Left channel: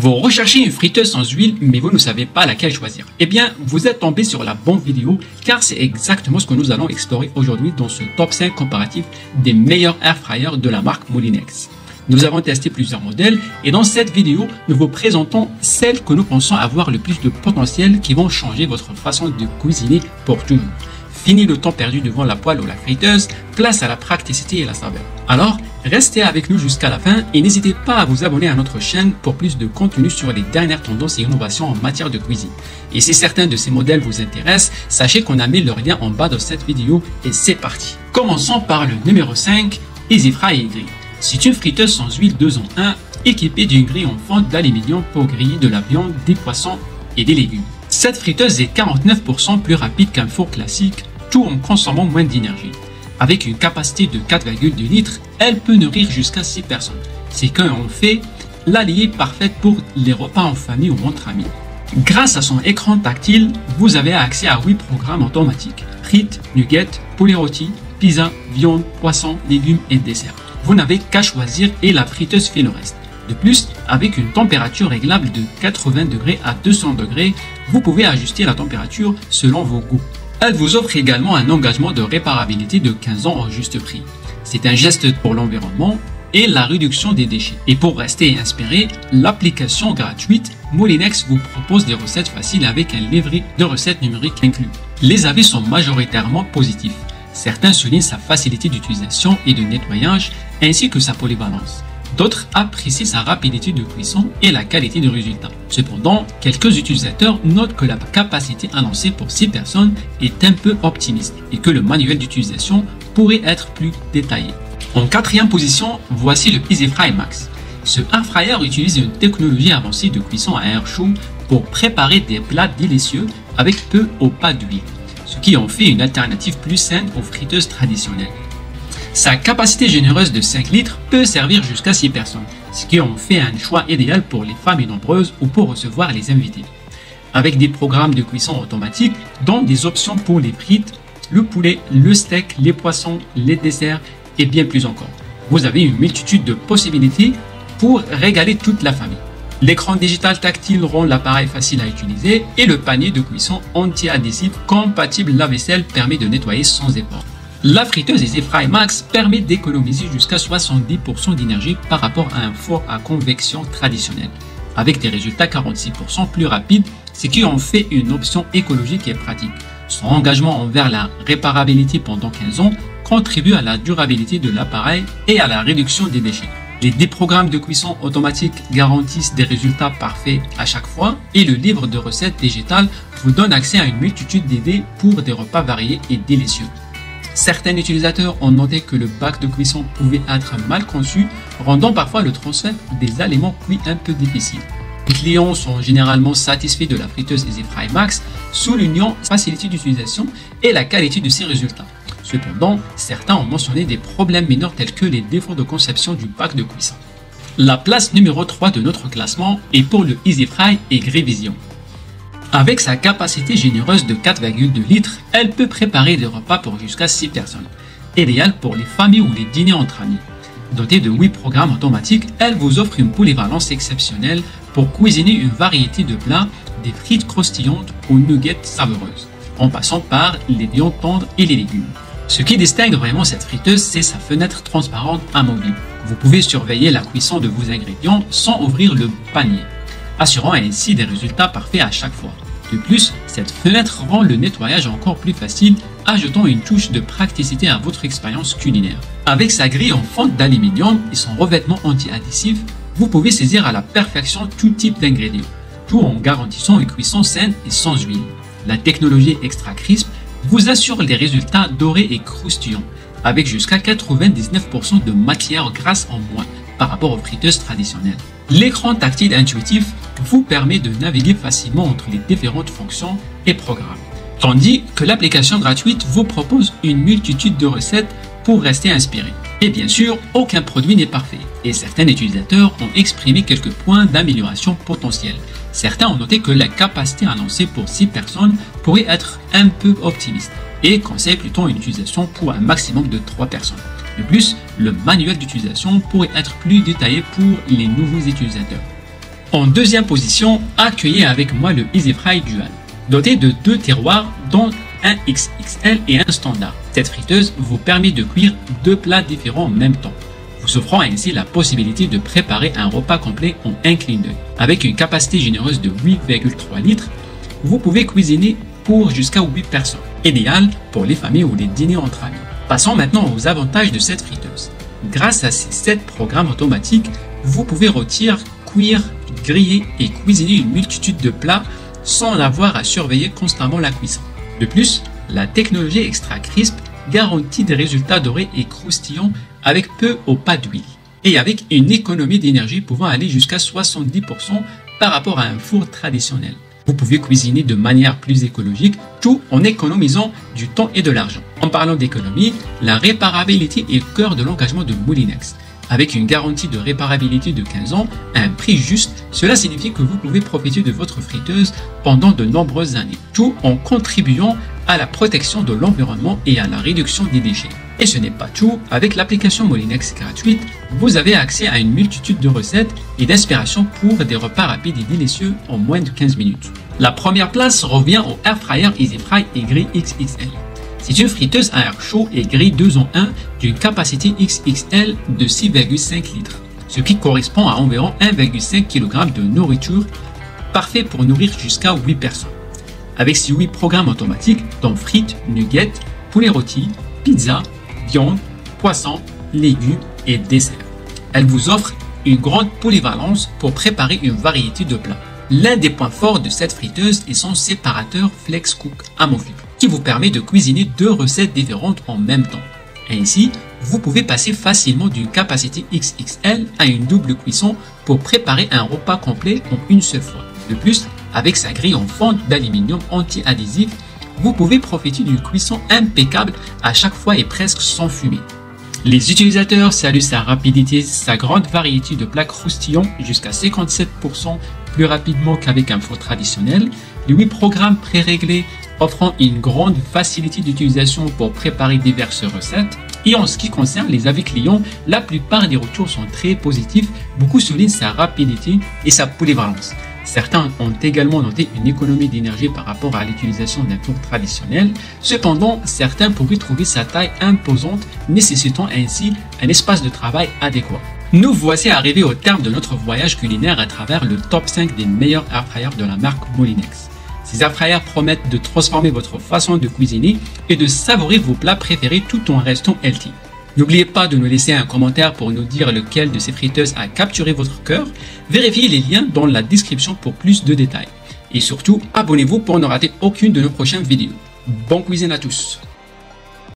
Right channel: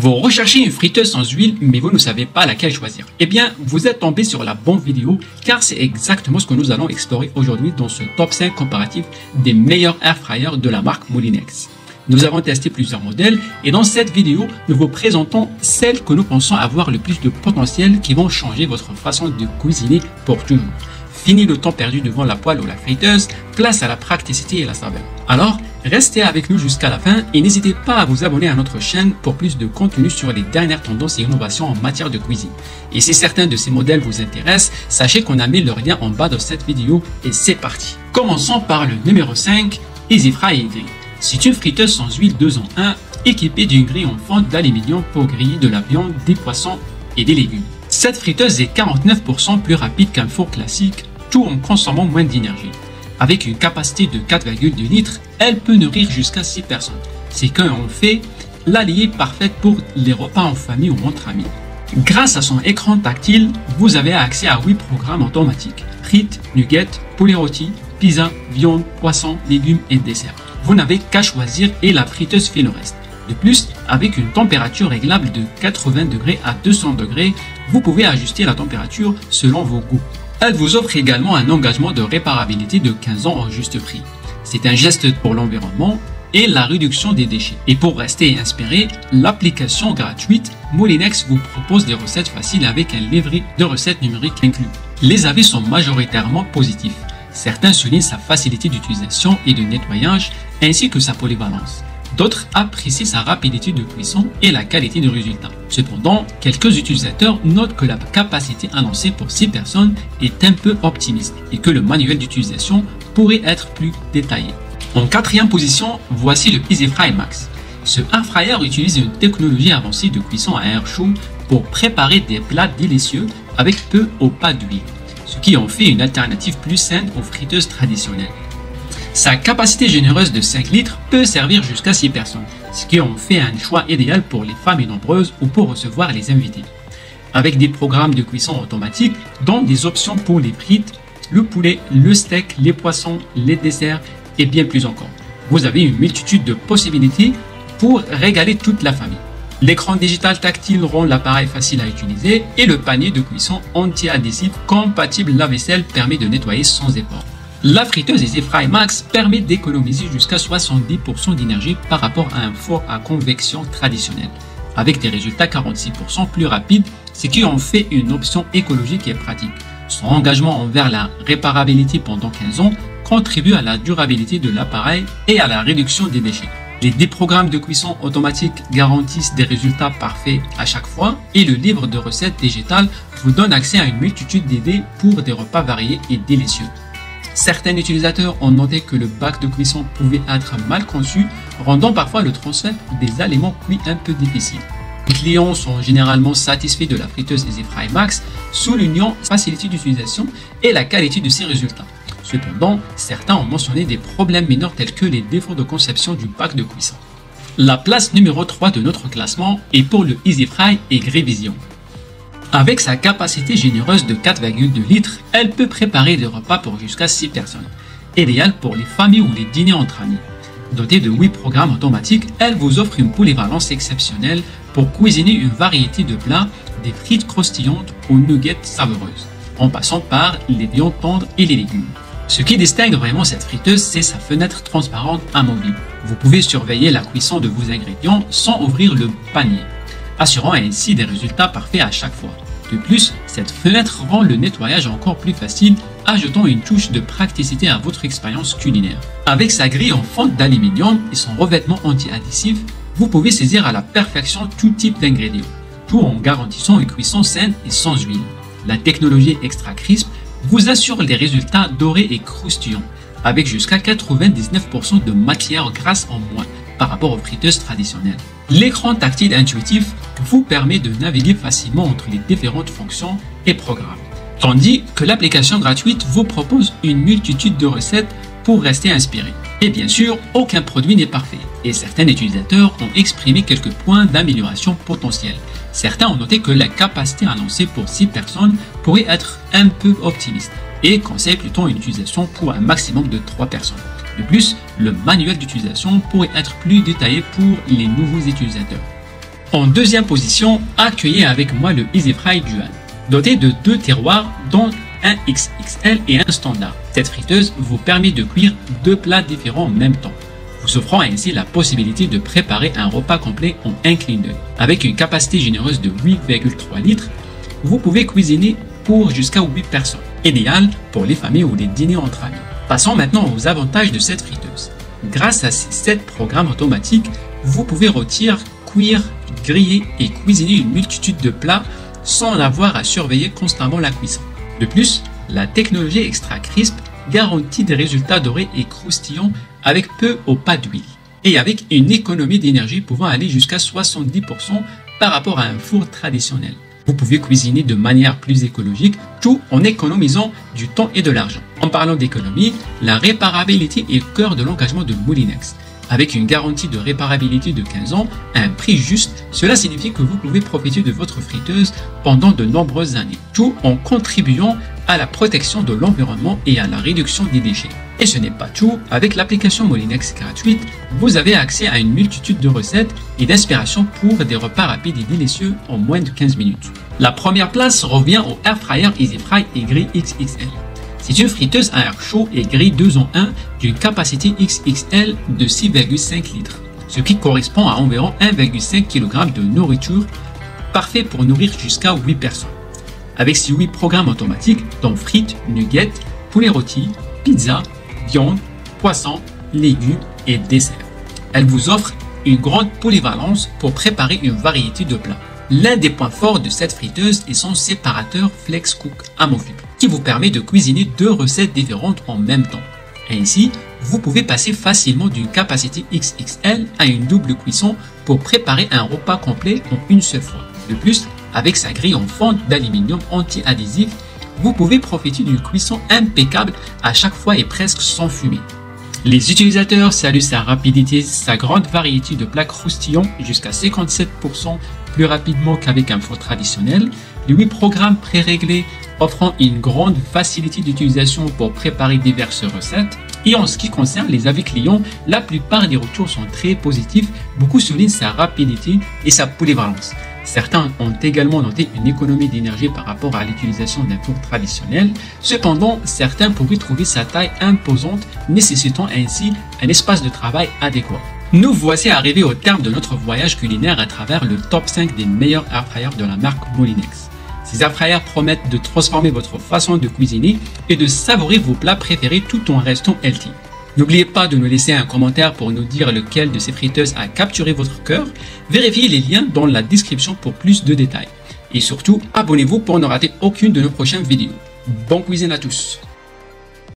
Vous recherchez une friteuse sans huile, mais vous ne savez pas laquelle choisir. Eh bien, vous êtes tombé sur la bonne vidéo, car c'est exactement ce que nous allons explorer aujourd'hui dans ce top 5 comparatif des meilleurs air fryers de la marque Molinex. Nous avons testé plusieurs modèles et dans cette vidéo, nous vous présentons celles que nous pensons avoir le plus de potentiel qui vont changer votre façon de cuisiner pour toujours. Fini le temps perdu devant la poêle ou la friteuse, place à la praticité et la saveur. Alors, restez avec nous jusqu'à la fin et n'hésitez pas à vous abonner à notre chaîne pour plus de contenu sur les dernières tendances et innovations en matière de cuisine. Et si certains de ces modèles vous intéressent, sachez qu'on a mis le lien en bas de cette vidéo et c'est parti. Commençons par le numéro 5, EasyFry Grill. C'est une friteuse sans huile 2 en 1 équipée d'une grille en fonte d'aluminium pour griller de la viande, des poissons et des légumes. Cette friteuse est 49% plus rapide qu'un four classique, tout en consommant moins d'énergie. Avec une capacité de 4,2 litres, elle peut nourrir jusqu'à 6 personnes. C'est quand on fait l'allié parfaite pour les repas en famille ou entre amis. Grâce à son écran tactile, vous avez accès à 8 programmes automatiques. Frites, nuggets, poulet rôti, pizza, viande, poisson, légumes et desserts. Vous n'avez qu'à choisir et la friteuse fait le reste. De plus, avec une température réglable de 80 degrés à 200 degrés, vous pouvez ajuster la température selon vos goûts. Elle vous offre également un engagement de réparabilité de 15 ans en juste prix. C'est un geste pour l'environnement et la réduction des déchets. Et pour rester inspiré, l'application gratuite Molinex vous propose des recettes faciles avec un livret de recettes numériques inclus. Les avis sont majoritairement positifs. Certains soulignent sa facilité d'utilisation et de nettoyage ainsi que sa polyvalence. D'autres apprécient sa rapidité de cuisson et la qualité du résultat. Cependant, quelques utilisateurs notent que la capacité annoncée pour 6 personnes est un peu optimiste et que le manuel d'utilisation pourrait être plus détaillé. En quatrième position, voici le EasyFry Max. Ce air fryer utilise une technologie avancée de cuisson à air chaud pour préparer des plats délicieux avec peu ou pas d'huile, ce qui en fait une alternative plus saine aux friteuses traditionnelles. Sa capacité généreuse de 5 litres peut servir jusqu'à 6 personnes, ce qui en fait un choix idéal pour les familles nombreuses ou pour recevoir les invités. Avec des programmes de cuisson automatiques, dont des options pour les frites, le poulet, le steak, les poissons, les desserts et bien plus encore. Vous avez une multitude de possibilités pour régaler toute la famille. L'écran digital tactile rend l'appareil facile à utiliser et le panier de cuisson anti-adhésif compatible lave-vaisselle permet de nettoyer sans effort. La friteuse EasyFry Max permet d'économiser jusqu'à 70% d'énergie par rapport à un four à convection traditionnel, avec des résultats 46% plus rapides, ce qui en fait une option écologique et pratique. Son engagement envers la réparabilité pendant 15 ans contribue à la durabilité de l'appareil et à la réduction des déchets. Les 10 programmes de cuisson automatique garantissent des résultats parfaits à chaque fois et le livre de recettes digitales vous donne accès à une multitude d'idées pour des repas variés et délicieux. Certains utilisateurs ont noté que le bac de cuisson pouvait être mal conçu, rendant parfois le transfert des aliments cuits un peu difficile. Les clients sont généralement satisfaits de la friteuse EasyFry Max, soulignant sa facilité d'utilisation et la qualité de ses résultats. Cependant, certains ont mentionné des problèmes mineurs tels que les défauts de conception du bac de cuisson. La place numéro 3 de notre classement est pour le EasyFry et Grivision. Avec sa capacité généreuse de 4,2 litres, elle peut préparer des repas pour jusqu'à 6 personnes, idéal pour les familles ou les dîners entre amis. Dotée de 8 programmes automatiques, elle vous offre une polyvalence exceptionnelle pour cuisiner une variété de plats, des frites croustillantes aux nuggets savoureuses, en passant par les viandes tendres et les légumes. Ce qui distingue vraiment cette friteuse, c'est sa fenêtre transparente amovible. Vous pouvez surveiller la cuisson de vos ingrédients sans ouvrir le panier, assurant ainsi des résultats parfaits à chaque fois. De plus, cette fenêtre rend le nettoyage encore plus facile, ajoutant une touche de praticité à votre expérience culinaire. Avec sa grille en fonte d'aluminium et son revêtement anti-adhésif, vous pouvez saisir à la perfection tout type d'ingrédients, tout en garantissant une cuisson saine et sans huile. La technologie Extra Crisp vous assure des résultats dorés et croustillants, avec jusqu'à 99% de matière grasse en moins par rapport aux friteuses traditionnelles. L'écran tactile intuitif vous permet de naviguer facilement entre les différentes fonctions et programmes, tandis que l'application gratuite vous propose une multitude de recettes pour rester inspiré. Et bien sûr, aucun produit n'est parfait, et certains utilisateurs ont exprimé quelques points d'amélioration potentiels. Certains ont noté que la capacité annoncée pour 6 personnes pourrait être un peu optimiste, et conseille plutôt une utilisation pour un maximum de 3 personnes. De plus, le manuel d'utilisation pourrait être plus détaillé pour les nouveaux utilisateurs. En deuxième position, accueillez avec moi le EasyFry Dual, doté de 2 tiroirs dont un XXL et un standard. Cette friteuse vous permet de cuire 2 plats différents en même temps, vous offrant ainsi la possibilité de préparer un repas complet en un clin d'œil. Avec une capacité généreuse de 8,3 litres, vous pouvez cuisiner pour jusqu'à 8 personnes, idéal pour les familles ou les dîners entre amis. Passons maintenant aux avantages de cette friteuse. Grâce à ces 7 programmes automatiques, vous pouvez rôtir, cuire, griller et cuisiner une multitude de plats sans avoir à surveiller constamment la cuisson. De plus, la technologie Extra Crisp garantit des résultats dorés et croustillants avec peu ou pas d'huile et avec une économie d'énergie pouvant aller jusqu'à 70% par rapport à un four traditionnel. Vous pouvez cuisiner de manière plus écologique tout en économisant du temps et de l'argent. En parlant d'économie, la réparabilité est au cœur de l'engagement de Moulinex. Avec une garantie de réparabilité de 15 ans à un prix juste, cela signifie que vous pouvez profiter de votre friteuse pendant de nombreuses années, tout en contribuant à la protection de l'environnement et à la réduction des déchets. Et ce n'est pas tout, avec l'application Moulinex gratuite, vous avez accès à une multitude de recettes et d'inspirations pour des repas rapides et délicieux en moins de 15 minutes. La première place revient au Airfryer EasyFry Y XXL. C'est une friteuse à air chaud et grille 2 en 1 d'une capacité XXL de 6,5 litres, ce qui correspond à environ 1,5 kg de nourriture, parfait pour nourrir jusqu'à 8 personnes. Avec ses 8 programmes automatiques, dont frites, nuggets, poulet rôti, pizza, viande, poisson, légumes et desserts. Elle vous offre une grande polyvalence pour préparer une variété de plats. L'un des points forts de cette friteuse est son séparateur FlexCook amovible, qui vous permet de cuisiner 2 recettes différentes en même temps. Ainsi, vous pouvez passer facilement d'une capacité XXL à une double cuisson pour préparer un repas complet en une seule fois. De plus, avec sa grille en fente d'aluminium anti-adhésif, vous pouvez profiter d'une cuisson impeccable à chaque fois et presque sans fumée. Les utilisateurs saluent sa rapidité, sa grande variété de plats croustillants jusqu'à 57% plus rapidement qu'avec un four traditionnel, les 8 programmes pré-réglés offrant une grande facilité d'utilisation pour préparer diverses recettes. Et en ce qui concerne les avis clients, la plupart des retours sont très positifs, beaucoup soulignent sa rapidité et sa polyvalence. Certains ont également noté une économie d'énergie par rapport à l'utilisation d'un four traditionnel. Cependant, certains pourraient trouver sa taille imposante, nécessitant ainsi un espace de travail adéquat. Nous voici arrivés au terme de notre voyage culinaire à travers le top 5 des meilleurs airfryers de la marque Moulinex. Ces airfryers promettent de transformer votre façon de cuisiner et de savourer vos plats préférés tout en restant healthy. N'oubliez pas de nous laisser un commentaire pour nous dire lequel de ces friteuses a capturé votre cœur. Vérifiez les liens dans la description pour plus de détails. Et surtout, abonnez-vous pour ne rater aucune de nos prochaines vidéos. Bonne cuisine à tous!